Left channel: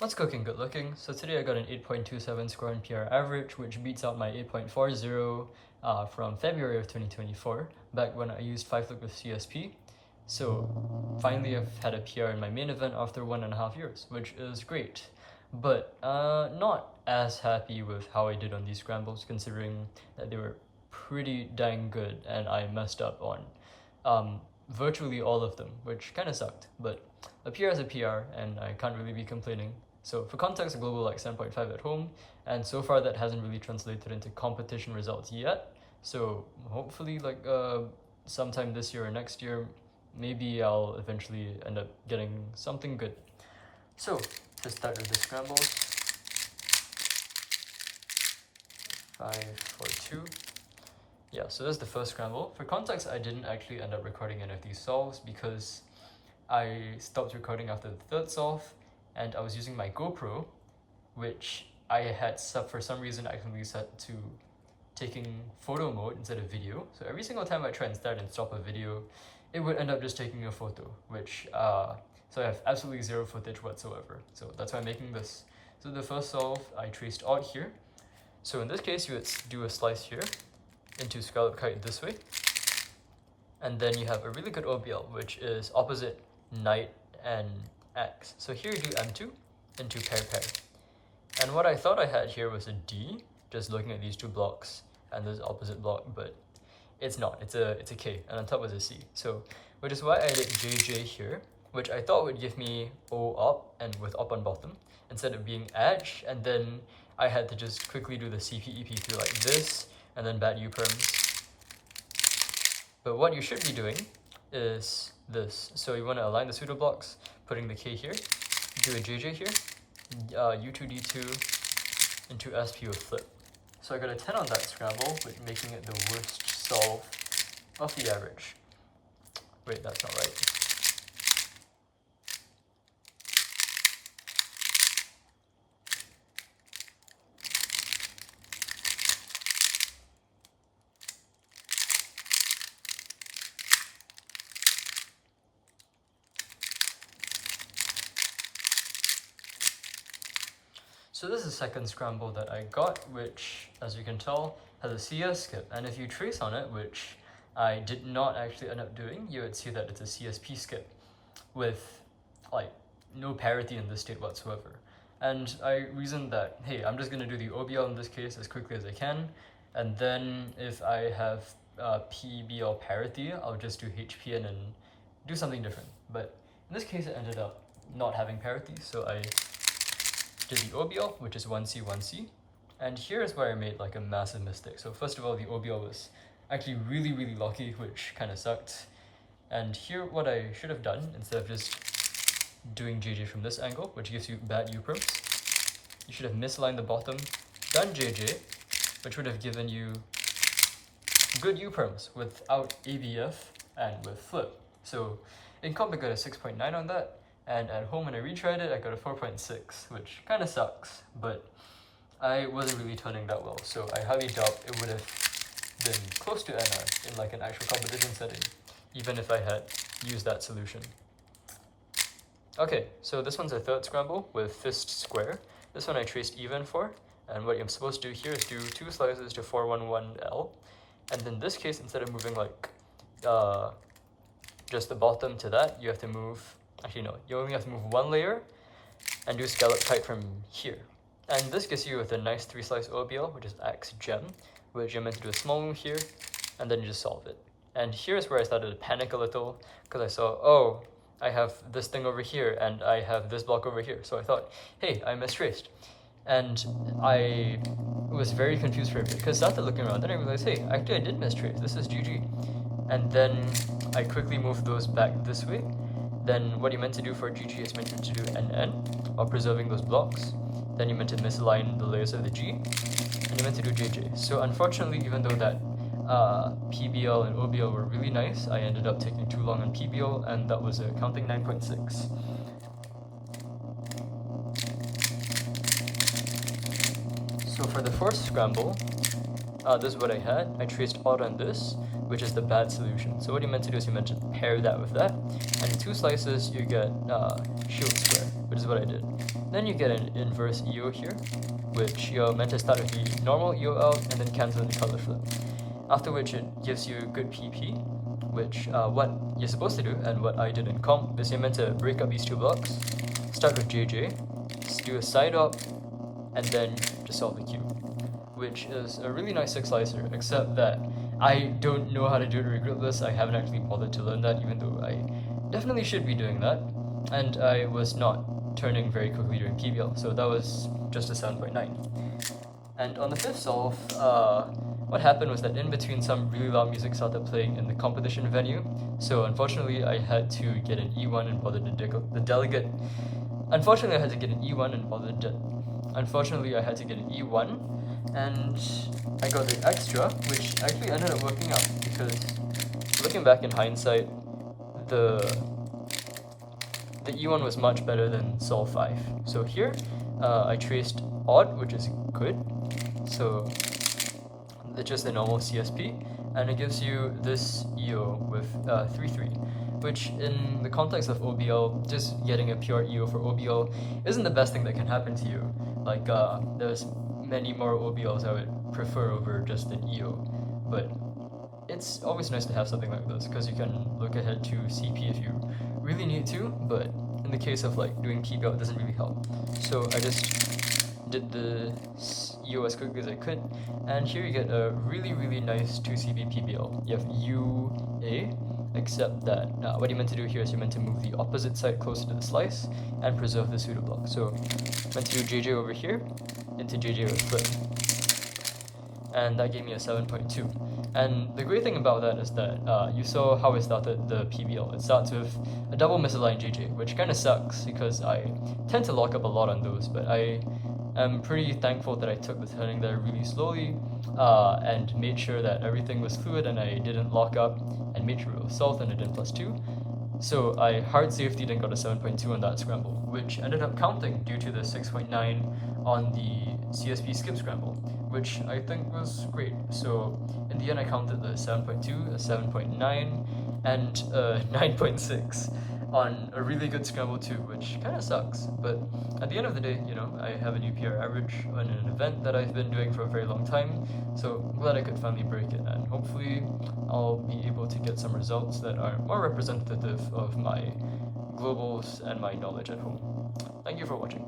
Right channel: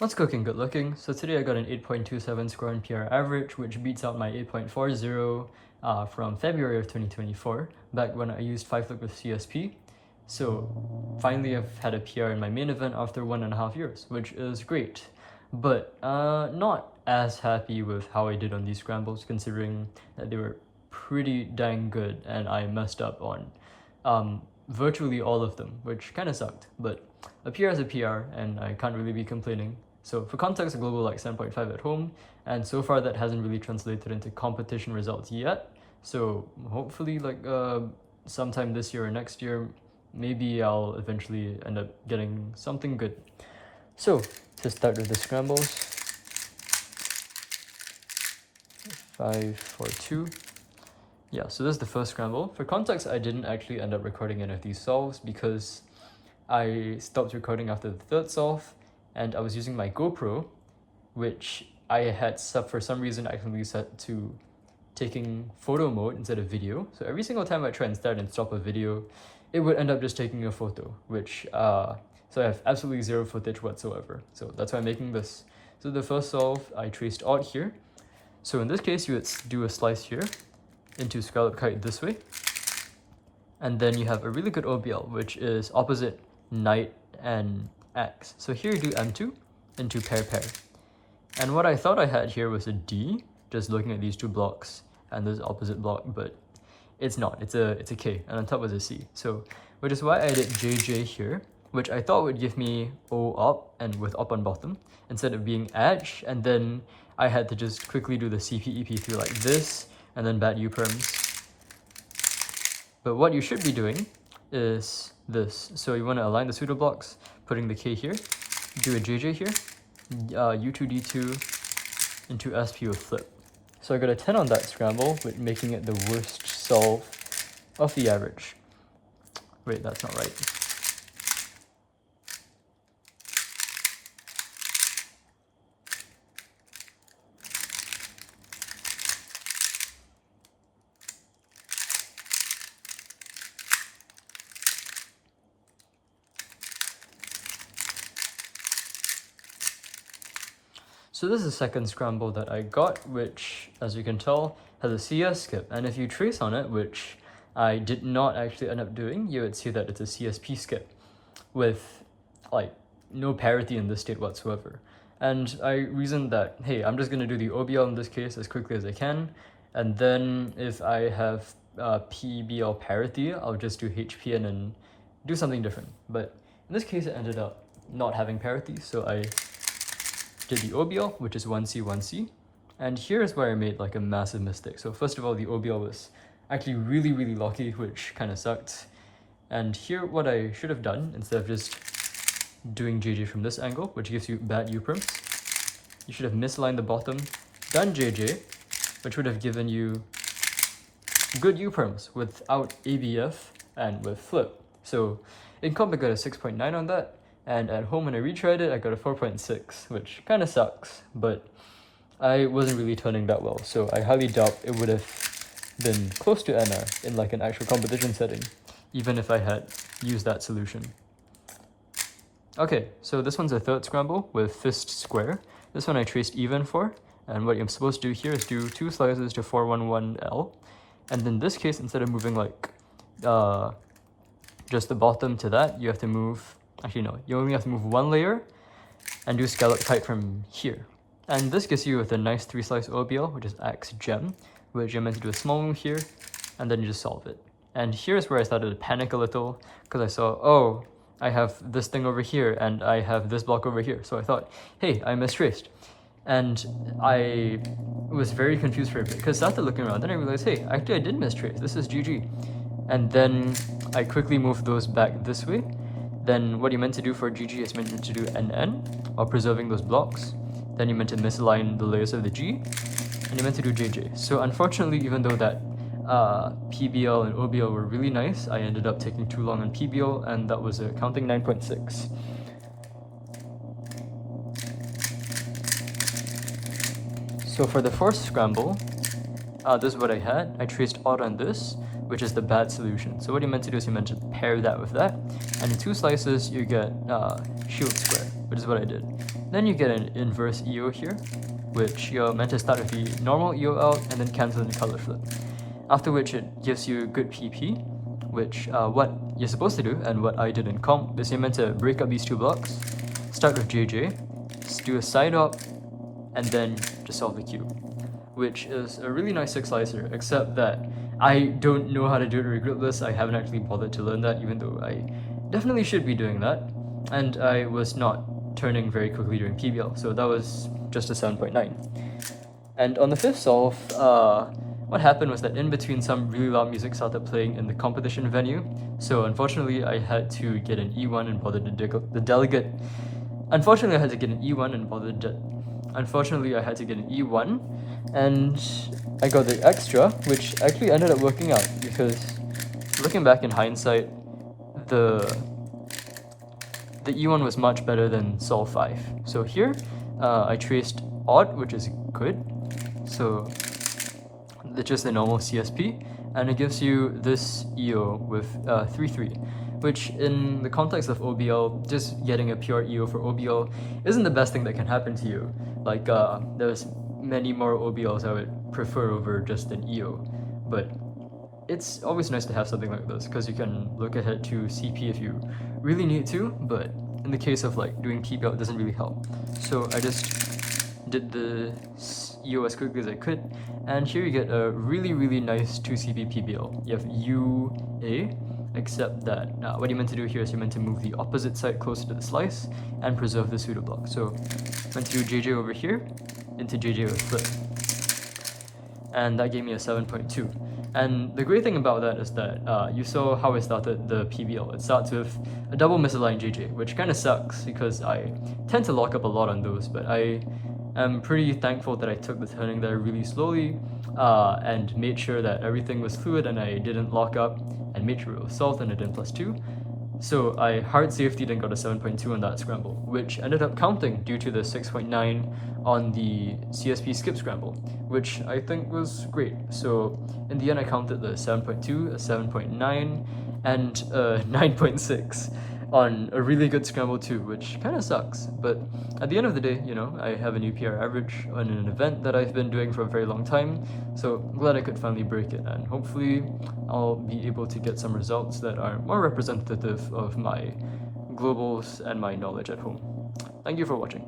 What's cooking, good looking? So today I got an 8.27 Square-1 PR average, which beats out my 8.40 from February of 2024, back when I used 5-look with CSP. So finally I've had a PR in my main event after 1.5 years, which is great. But not as happy with how I did on these scrambles, considering that they were pretty dang good and I messed up on virtually all of them, which kind of sucked. But a PR is a PR, and I can't really be complaining. So for context, a global like 7.5 at home, and so far that hasn't really translated into competition results yet. So hopefully sometime this year or next year, maybe I'll eventually end up getting something good. So to start with the scrambles, 5, 4, 2. Yeah, so this is the first scramble. For context, I didn't actually end up recording any of these solves because I stopped recording after the third solve, and I was using my GoPro, which I had for some reason accidentally set to taking photo mode instead of video. So every single time I try and start and stop a video, it would end up just taking a photo, which so I have absolutely zero footage whatsoever. So that's why I'm making this. So the first solve, I traced odd here. So in this case, you would do a slice here into scallop kite this way, and then you have a really good OBL, which is opposite knight and X. So here you do M2 into pair. And what I thought I had here was a D, just looking at these two blocks and this opposite block, but it's not. It's a K, and on top was a C. So which is why I did JJ here, which I thought would give me O up and with up on bottom instead of being edge, and then I had to just quickly do the CPEP through like this and then bat U perms. But what you should be doing is this. So you want to align the pseudo blocks, putting the K here, do a JJ here, U2 D2 into SP with flip. So I got a 10 on that scramble, with making it the worst solve of the average. Wait, that's not right. So this is the second scramble that I got, which, as you can tell, has a CS skip. And if you trace on it, which I did not actually end up doing, you would see that it's a CSP skip with like no parity in this state whatsoever. And I reasoned that, hey, I'm just going to do the OBL in this case as quickly as I can, and then if I have PBL parity, I'll just do HPN and do something different. But in this case, it ended up not having parity, so I did the OBL, which is 1C, 1C. And here's where I made like a massive mistake. So first of all, the OBL was actually really, really locky, which kind of sucked. And here, what I should have done, instead of just doing JJ from this angle, which gives you bad U perms, you should have misaligned the bottom, done JJ, which would have given you good U perms without ABF and with flip. So in comp, I got a 6.9 on that. And at home, when I retried it, I got a 4.6, which kind of sucks, but I wasn't really turning that well, so I highly doubt it would have been close to NR in like an actual competition setting, even if I had used that solution. Okay, so this one's a third scramble with fist square. This one I traced even for, and what I'm supposed to do here is do 2 slices to 411L, and in this case, instead of moving like just the bottom to that, you have to move. Actually, no, you only have to move 1 layer and do scallop kite from here. And this gives you with a nice 3-slice OBL, which is X gem, which you're meant to do a small move here, and then you just solve it. And here's where I started to panic a little, because I saw, oh, I have this thing over here, and I have this block over here. So I thought, hey, I mistraced. And I was very confused for a bit, because I started looking around, then I realized, hey, actually I did mistrace, this is GG. And then I quickly moved those back this way. Then what you're meant to do for GG is meant to do NN while preserving those blocks. Then you're meant to misalign the layers of the G, and you're meant to do JJ. So unfortunately, even though that PBL and OBL were really nice, I ended up taking too long on PBL, and that was a counting 9.6. So for the first scramble, this is what I had. I traced odd on this, which is the bad solution. So what you're meant to do is you're meant to pair that with that, and in 2 slices you get shield square. which is what I did. Then you get an inverse EO here, which you're meant to start with the normal EO out and then cancel in the color flip. After which it gives you good PP, which what you're supposed to do and what I did in comp is you're meant to break up these two blocks, start with JJ, do a side op, and then just solve the cube, which is a really nice 6 slicer, except that I don't know how to do it regardless. I haven't actually bothered to learn that, even though I definitely should be doing that, and I was not turning very quickly during PBL, so that was just a 7.9. And on the fifth solve, what happened was that in between some really loud music started playing in the competition venue, so unfortunately I had to get an E1 and bother the delegate. Unfortunately I had to get an E1 and bother Unfortunately I had to get an E1, and I got the extra, which actually ended up working out, because looking back in hindsight, the E1 was much better than Sol 5. So here, I traced odd, which is good. So it's just the normal CSP, and it gives you this EO with 3-3, which in the context of OBL, just getting a pure EO for OBL isn't the best thing that can happen to you. Like, there's many more OBLs I would prefer over just an EO, but it's always nice to have something like this, because you can look ahead to CP if you really need to, but in the case of like doing PBL, it doesn't really help. So I just did the EO as quickly as I could, and here you get a really nice 2CP PBL. You have UA, except that what you're meant to do here is you're meant to move the opposite side closer to the slice and preserve the pseudo block. So meant to do JJ over here into JJ with flip, and that gave me a 7.2. And the great thing about that is that you saw how I started the PBL. It starts with a double misaligned JJ, which kind of sucks because I tend to lock up a lot on those, but I am pretty thankful that I took the turning there really slowly and made sure that everything was fluid and I didn't lock up, and made sure it was solved and it did +2. So I hard safety and got a 7.2 on that scramble, which ended up counting due to the 6.9 on the CSP skip scramble, which I think was great. So in the end I counted the 7.2, a 7.9, and a 9.6 on a really good scramble too, which kind of sucks. But at the end of the day, you know, I have a new PR average on an event that I've been doing for a very long time, so I'm glad I could finally break it, and hopefully I'll be able to get some results that are more representative of my globals and my knowledge at home. Thank you for watching.